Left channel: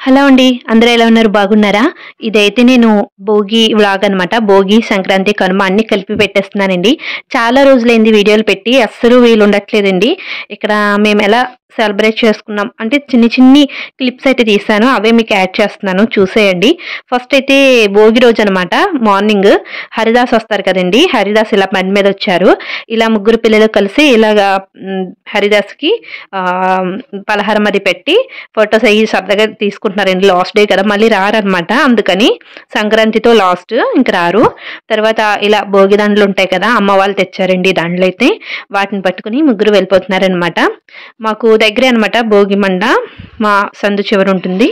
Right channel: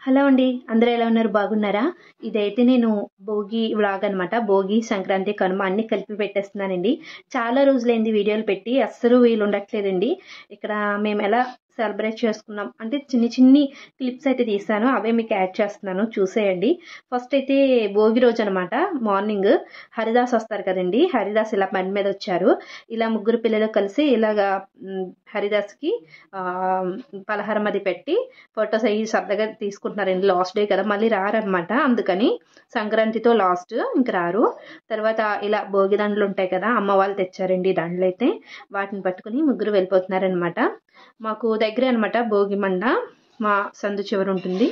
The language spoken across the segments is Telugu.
హలో అండి. అందరూ ఎలా ఉన్నారు? బాగున్నారా? ఇదైతే నేను భోగి వ్లాగ్ అనమాట. భోగి, సంక్రాంతి, కనుమ అన్నీ కలిపి పెట్టేస్తున్నానండి. చాలా రోజులైంది వీడియోలు పెట్టి. అస్సలు వీలుండట్లేదండి. ఇక్కడ మేమెలా సెలబ్రేట్ చేసుకున్నాం అంటే చిన్ని క్లిప్స్ అయితే తీశాను. అవే మీకు యాడ్ చేస్తున్నాను చూసేయండి. ఫస్ట్ అయితే భోగి రోజనమాట. మార్నింగ్ హరిదాస్ వస్తారు కదండీ! హరిదాస్ ఇలా బండి మీదొచ్చారు. ఇలా ముగ్గురు పిల్లలు కలిసి ఇలాగా హరిదాస్‌కి ఆహ్, పలహారం అది పెట్టి ఫోటోస్ అయ్యి సరదాగా తీసుకుంటున్నారండి. లాస్ట్ డే కదా! మళ్ళీ రారనమాట. అందుకని సంక్రాంతితో లాస్ట్ ఇంక రారు. తర్వాత ఇలా భోగి దండలుంటాయి కదా! అమ్మ వాళ్ళు తెచ్చారండి దండలైతే. వాటిని పట్టుకొని ముగ్గురు వెళ్ళిపోతున్నారనమాట. మాకు దగ్గరే అనమాట భోగి మండ. మా సందు చివరుంటుంది.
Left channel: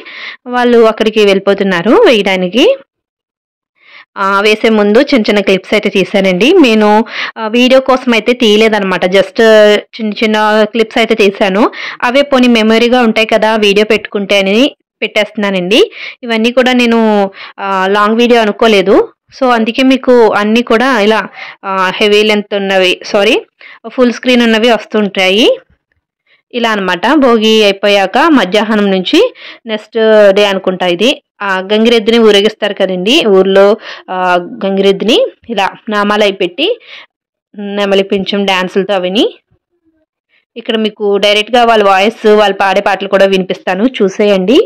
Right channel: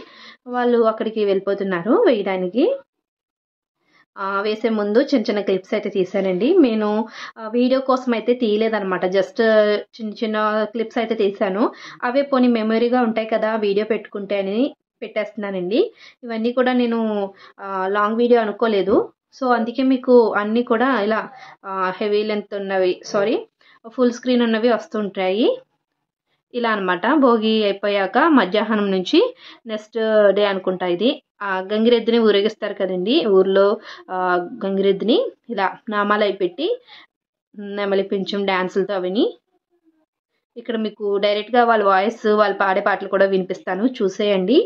వాళ్ళు అక్కడికి వెళ్ళిపోతున్నారు వేయడానికి. వేసే ముందు చిన్న క్లిప్స్ అయితే తీశానండి. నేను వీడియో కోసం అయితే తీయలేదనమాట. జస్ట్ చిన్న క్లిప్స్ అయితే తీశాను. అవే పోనీ మెమరీగా ఉంటాయి కదా! వీడియో పెట్టుకుంటే అని పెట్టేస్తున్నానండి. ఇవన్నీ కూడా నేను లాంగ్ వీడియో అనుకోలేదు. సో, అందుకే మీకు అన్నీ కూడా ఇలా హెవీ లెంత్ ఉన్నవి ఫుల్ స్క్రీన్ ఉన్నవి వస్తుంటాయి. ఇలా అనమాట. భోగి అయిపోయాక మధ్యాహ్నం నుంచి నెక్స్ట్ డే అనుకుంటా ఇది. గంగిరెద్దుని ఊరేగిస్తారు కదండీ! ఊర్లో గంగిరెద్దుని ఇలా నామాలయి పెట్టి నెమలి పించం డాన్సులతో అవిని. ఇక్కడ మీకు డైరెక్ట్‌గా వాళ్ళ వాయిస్ వాళ్ళు పాడే పాటలు కూడా వినిపిస్తాను చూసేయండి.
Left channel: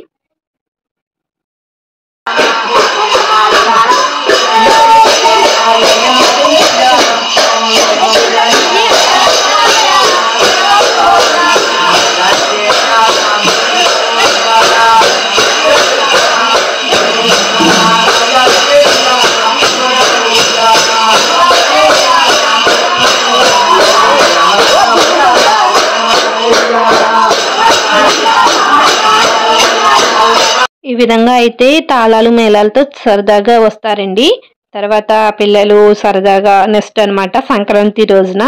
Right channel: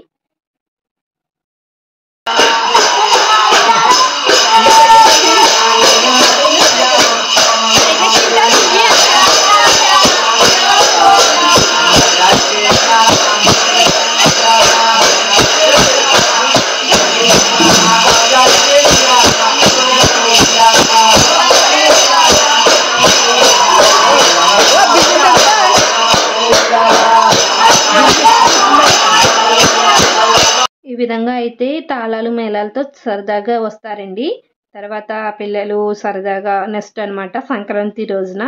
ఈ విధంగా అయితే తాళాలు, మేళాలతో సరదాగా వస్తారండి. తర్వాత పిల్లలు సరదాగా నెక్స్ట్ అనమాట సంక్రాంతి రోజున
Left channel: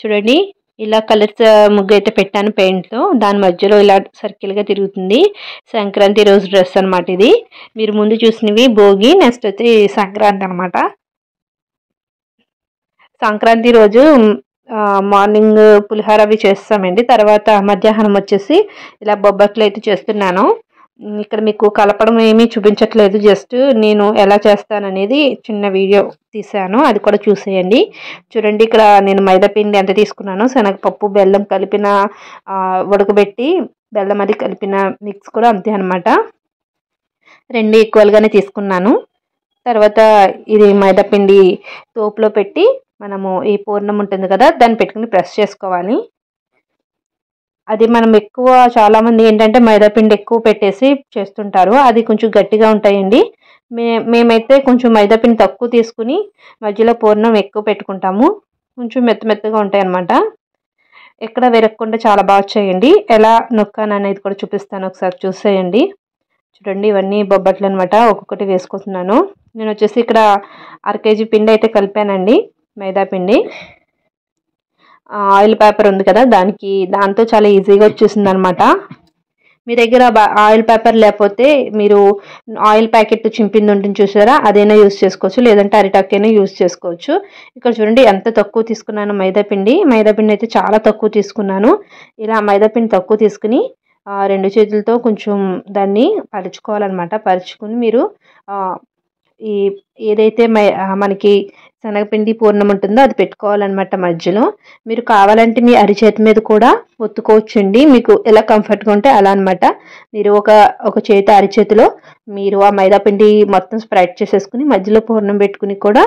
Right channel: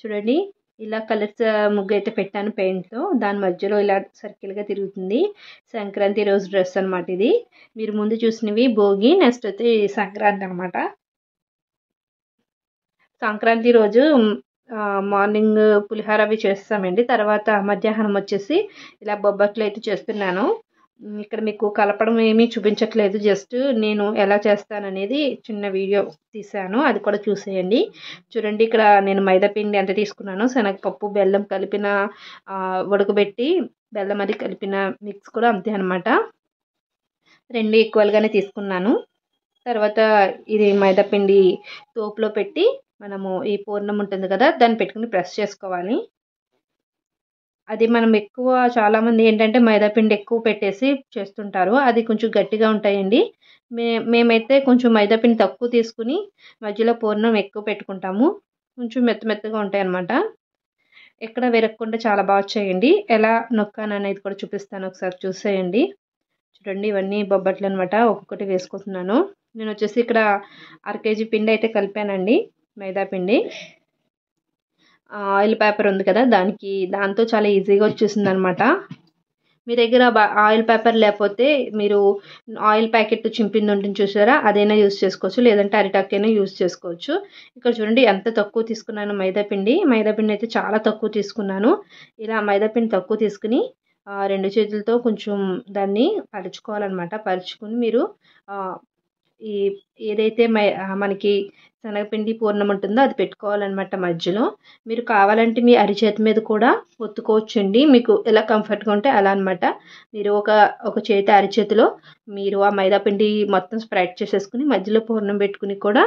చూడండి ఇలా కలర్స్ ముగ్గయితే పెట్టాను పెయింట్‌తో. దాని మధ్యలో ఇలా సర్కిల్‌గా తిరుగుతుంది. సంక్రాంతి రోజు డ్రెస్ అనమాట ఇది. మీరు ముందు చూసినవి భోగి, నెక్స్ట్ అయితే సంక్రాంతి అనమాట. సంక్రాంతి రోజు మార్నింగ్ పులిహోర అవి చేస్తామండి. తర్వాత మధ్యాహ్నం వచ్చేసి ఇలా బొబ్బట్లు అయితే చేస్తున్నాను. ఇక్కడ మీకు కలపడం ఏమీ చూపించట్లేదు. జస్ట్ నేను ఎలా చేస్తాననేది చిన్న వీడియో తీశాను. అది కూడా చూసేయండి. చూడండి ఇక్కడ నేను మైదా పిండి ఎంత తీసుకున్నానో శనగపప్పు, బెల్లం కలిపిన ఉడకబెట్టి బెల్లం అది కలిపిన మిక్స్ కూడా అంతే అనమాట. 2 ఈక్వల్‌గానే తీసుకున్నాను. తర్వాత ఇది మైదా పిండి తోపులో పెట్టి మనము ఈ పూర్ణం ఉంటుంది కదా! దాన్ని పెట్టుకొని ప్రెస్ చేసుకోవాలి. అది మనం ఎక్కువ చాలామంది ఏంటంటే మైదా పిండి ఎక్కువ పెట్టేసి చేస్తుంటారు. అది కొంచెం గట్టిగా ఉంటాయండి. మేమైతే కొంచెం మైదా పిండి తక్కువ తీసుకుని మధ్యలో పూర్ణం ఎక్కువ పెట్టుకుంటాము. కొంచెం మెత్తగా ఉంటాయన్నమాట. ఎక్కడ విరగకుండా చాలా బాగా వచ్చాయండి. ఎలా నొక్కాననేది కూడా చూపిస్తాను ఒకసారి చూసేయండి. చూడండి ఇవన్నీ బొబ్బట్లు అనమాట. ఒక్కొక్కటి వేసుకుంటున్నాను. నేను వచ్చేసి ఇక్కడ అర కేజీ పిండి అయితే కలిపానండి మైదా పిండి. ఆయిల్ పేపర్ ఉంది కదా! దాంతో చాలా ఈజీగా వచ్చేసిందనమాట. మీ దగ్గర ఆయిల్ పేపర్ లేకపోతే మీరు ఆయిల్ ప్యాకెట్ చింపింది ఉంటుంది చూసారా? అదైనా యూజ్ చేసుకోవచ్చు. లేదంటే అరిటాకైనా యూజ్ చేసుకోవచ్చు. ఇక్కడ చూడండి ఎంత తక్కువ తీసుకున్నాను మైదా పిండి. మైదా పిండి అయితే చాలా తక్కువ తీసుకున్నాను. ఇలా మైదా పిండి తక్కువ తీసుకుని 2 చేతులతో కొంచెం దాన్ని పరుచుకోవాలన్నమాట. పరుచుకొని మీరు ఈ ఏదైతే మనకి శనగపిండి పూర్ణం ఉంటుందో అది పెట్టుకోవాలన్నమాట మధ్యలో. మీరు కావాలంటే మీ అరిచేతి మీద కూడా ఒత్తుకోవచ్చండి. మీకు ఎలా కంఫర్ట్‌గా ఉంటే అలా అనమాట. మీరు ఒక చేతి అరిచేతిలో మీరు ఆ మైదా పిండి మొత్తం స్ప్రెడ్ చేసేసుకొని మధ్యలో పూర్ణం పెట్టుకొని కూడా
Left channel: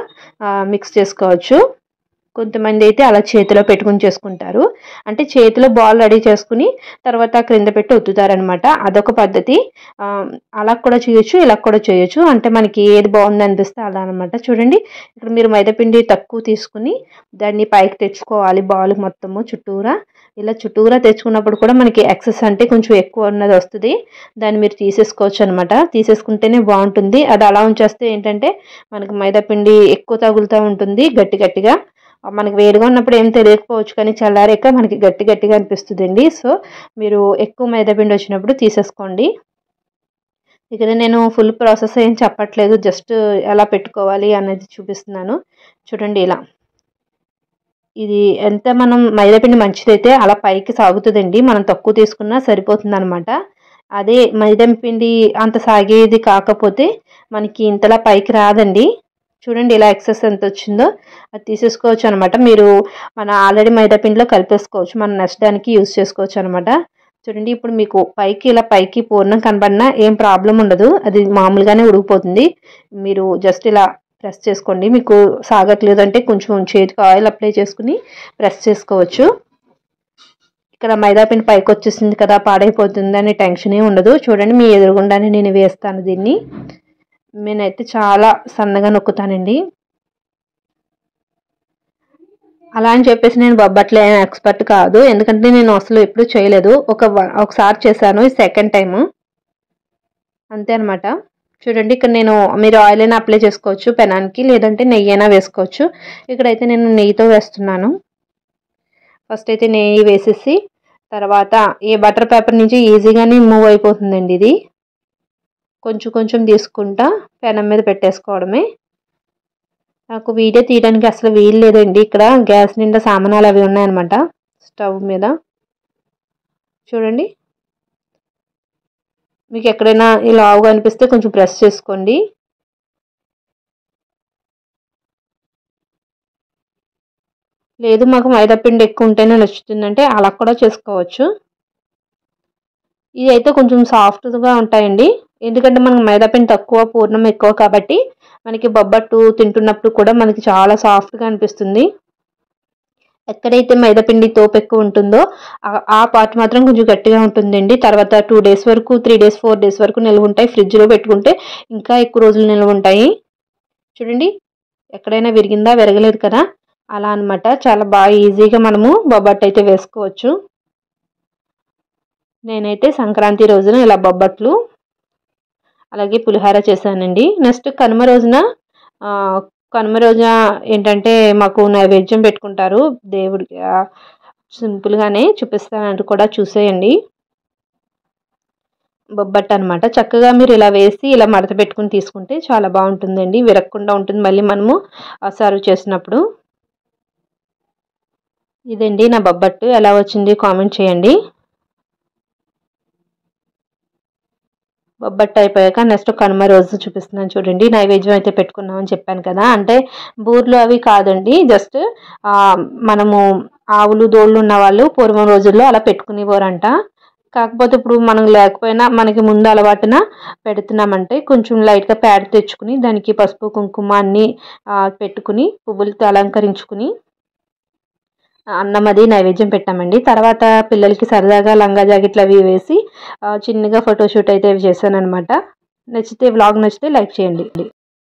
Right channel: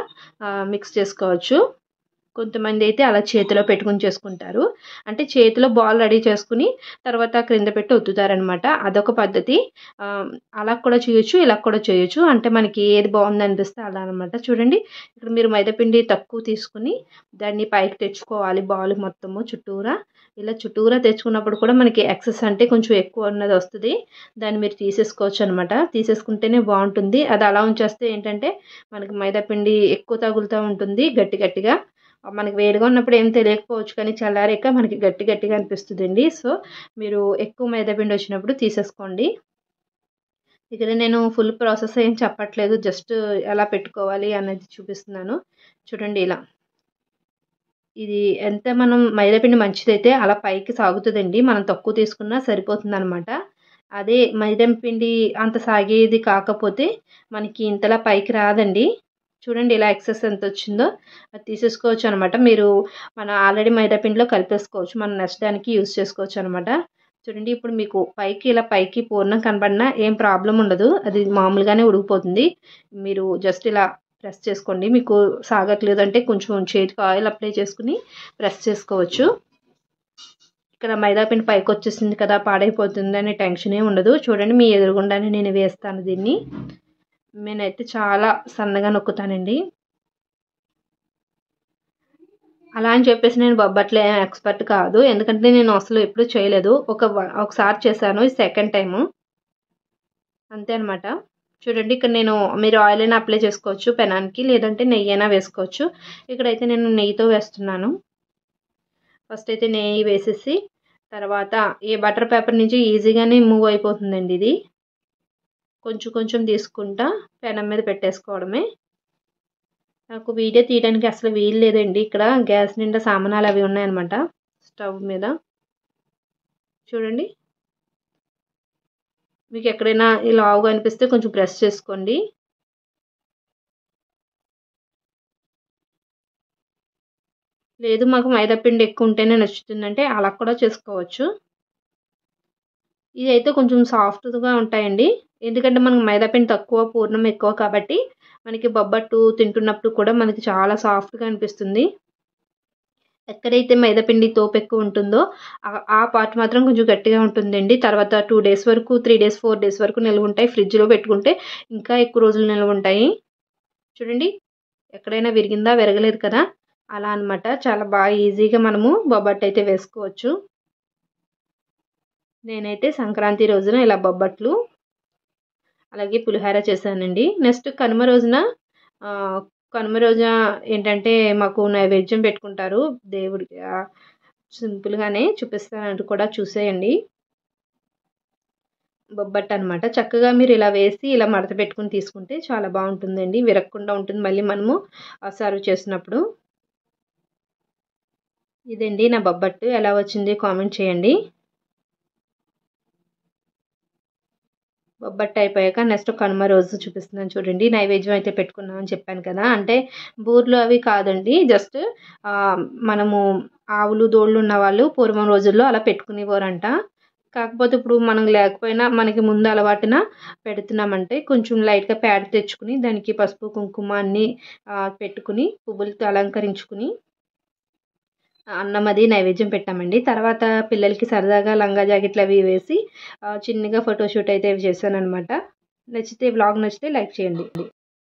మిక్స్ చేసుకోవచ్చు. కొంతమంది అయితే అలా చేతిలో పెట్టుకొని చేసుకుంటారు. అంటే చేతిలో బాల్ రెడీ చేసుకుని తర్వాత క్రింద పెట్టి ఒత్తుతారనమాట. అదొక పద్ధతి. అలా కూడా చేయొచ్చు, ఇలా కూడా చేయొచ్చు. అంటే మనకి ఏది బాగుందనిపిస్తే అలా అనమాట. చూడండి ఇక్కడ మీరు మైదాపిండి తక్కువ తీసుకుని దాన్ని పైకి తెచ్చుకోవాలి బాల్ మొత్తము చుట్టూరా. ఇలా చుట్టూరా తెచ్చుకున్నప్పుడు కూడా మనకి ఎక్సెస్ అంటే కొంచెం ఎక్కువ ఉన్నది వస్తుంది. దాన్ని మీరు తీసేసుకోవచ్చు అనమాట. తీసేసుకుంటేనే బాగుంటుంది. అది అలా ఉంచేస్తే ఏంటంటే మనకి మైదాపిండి ఎక్కువ తగులుతూ ఉంటుంది గట్టిగా. మనకి వేడిగా ఉన్నప్పుడు ఏం తెలియకపోవచ్చు కానీ చల్లారాక మనకి గట్టిగా అనిపిస్తుందండి. సో, మీరు ఎక్కువ మైదాపిండి వచ్చినప్పుడు తీసేసుకోండి. ఇక్కడ నేను ఫుల్ ప్రాసెస్ ఏం చెప్పట్లేదు. జస్ట్ ఎలా పెట్టుకోవాలి అనేది చూపిస్తున్నాను. చూడండి ఇలా. ఇది ఎంత మనం మైదాపిండి మంచిదైతే అలా పైకి సాగుతుందండి. మనం తక్కువ తీసుకున్నా సరిపోతుందనమాట. అదే మైదా పిండి అంత సాగేది కాకపోతే మనకి ఇంతలా పైకి రాదండి. చూడండి ఇలా ఎక్సెస్ ఎంత వచ్చిందో అది తీసేసుకోవచ్చు అనమాట. మీరు మన ఆల్రెడీ మైదా పిండిలో కలిపేసుకోవచ్చు. మనం నెక్స్ట్ దానికి యూజ్ చేసుకోవచ్చు అనమాట. చూడండి ఇప్పుడు మీకు పైకి ఇలా పైకి పూర్ణం కనబడినా ఏం ప్రాబ్లం ఉండదు. అది మామూలుగానే ఉడికిపోతుంది. మీరు జస్ట్ ఇలా ప్రెస్ చేసుకోండి. మీకు సాగట్లేదు అంటే కొంచెం చేతికి ఆయిల్ అప్లై చేసుకుని ప్రెస్ చేసుకోవచ్చు. ఇక్కడ మైదా పిండి పైకి వచ్చేసింది కదా, పాడైపోతుంది అనే టెన్షనే ఉండదు. చూడండి మీ ఎదురుగుండానే నేను వేస్తాను దీన్ని. నేనైతే చాలా సన్నగా నొక్కుతానండి. అలా అని చెప్పేసి నేను బొబ్బట్లు ఎక్స్పర్ట్ కాదు. ఎందుకంటే నేను అసలు ఎప్పుడు చేయలేదు. ఒకసారి చేశాను. ఇది సెకండ్ టైము. అంతే అనమాట. చూడండి ఇక్కడ నేను మీరు ఆయిల్ అయినా అప్లై చేసుకోవచ్చు పెనానికి, లేదంటే నెయ్యి అయినా వేసుకోవచ్చు. ఇక్కడైతే నేను నెయ్యితో వేస్తున్నాను. ఫస్ట్ అయితే నెయ్యి వేసేసి తర్వాత ఈ బటర్ పేపర్ నుంచి ఈజీగానే మూవ్ అయిపోతుందండి ఇది. కొంచెం కొంచెం తీసుకుంటా పెనం మీద పెట్టేసుకోవడమే. నాకు వీడియో తీయడానికి అసలు వీలు లేదండి. ఇక్కడ గ్యాస్ నిండా సామానాలు అవి ఉన్నాయన్నమాట స్టవ్ మీద. చూడండి మీకు ఎక్కడైనా ఈ లావుగా అనిపిస్తే కొంచెం ప్రెస్ చేసుకోండి. లేదు మాకు మైదా పిండి ఎక్కువ ఉంటేనే నచ్చుతుందంటే అలా కూడా చేసుకోవచ్చు. ఇది అయితే కొంచెం సాఫ్ట్గా ఉంటాయండి. ఎందుకంటే మనకు మైదా పిండి తక్కువ పూర్ణం ఎక్కువ కాబట్టి మనకి బొబ్బట్టు తింటున్నప్పుడు కూడా మనకి చాలా సాఫ్ట్గా అనిపిస్తుంది. ఎక్కడైతే మైదా పిండి తోపు ఎక్కువ ఉంటుందో ఆ పార్ట్ మాత్రం కొంచెం గట్టిగా ఉంటుందండి. తర్వాత 2 డేస్ వరకు 3 డేస్ 4 డేస్ వరకు నిల్వ ఉంటాయి. ఫ్రిడ్జ్లో పెట్టుకుంటే ఇంకా ఎక్కువ రోజులు నిల్వ ఉంటాయి. చూడండి ఎక్కడైనా విరిగిందా, విరగలేదు కదా, అలా అనమాట. చాలా బాగా ఈజీగా మనము బొబ్బట్టు అయితే వేసుకోవచ్చు. నేనైతే సంక్రాంతి రోజున ఇలా బొబ్బట్లు అలాగే పులిహోర చేశానండి. నెక్స్ట్ కనుమ రోజున ఏంటంటే మాకు నైవేద్యం పెట్టుకుంటారు దేవుడికి. సింపుల్గానే చూపిస్తానంటూ కూడా చూసేయండి. బొబ్బట్టు అనమాట. చక్కగా మీరు ఇలా వేసి ఇలా మడత పెట్టుకుని తీసుకుంటే చాలా బాగుంటుందండి. విరగకుండా ఉంటుంది మళ్ళీ మనము సర్వ్ చేసినప్పుడు. ఇదండి నా బొబ్బట్టు. ఎలా వచ్చింది కామెంట్ చేయండి. బొబ్బట్టు అయిపోయాక నెక్స్ట్ కనుమ రోజు చూపిస్తున్నాను చూడండి. నైవేద్యం అయితే పెట్టుకున్నామని చెప్పాను కదా, అంటే బూర్లు అవి కాదండి. జస్ట్ మనము ఆవులు దోళ్ళు ఉన్న వాళ్ళు పూర్వం రోజుల్లో అలా పెట్టుకునేవారంట. కాకపోతే ఇప్పుడు మనం లేకపోయినా మనకి ముందు అలవాటున పెడుతున్నామంటే కొంచెం లైట్గా పేడ తెచ్చుకుని దానికి పసుపు కుంకుమ అన్నీ పెట్టుకుని పువ్వులతో అలంకరించుకుని అన్నం అది నైవేద్యం పెట్టామండి. తర్వాత పిల్లలకి సరదాగా లంగా జాకెట్లు అవి వేసి చిన్నగా ఫోటోషూట్ అయితే చేశాను అనమాట. నచ్చితే వ్లాగ్ నచ్చితే లైక్ చేయండి.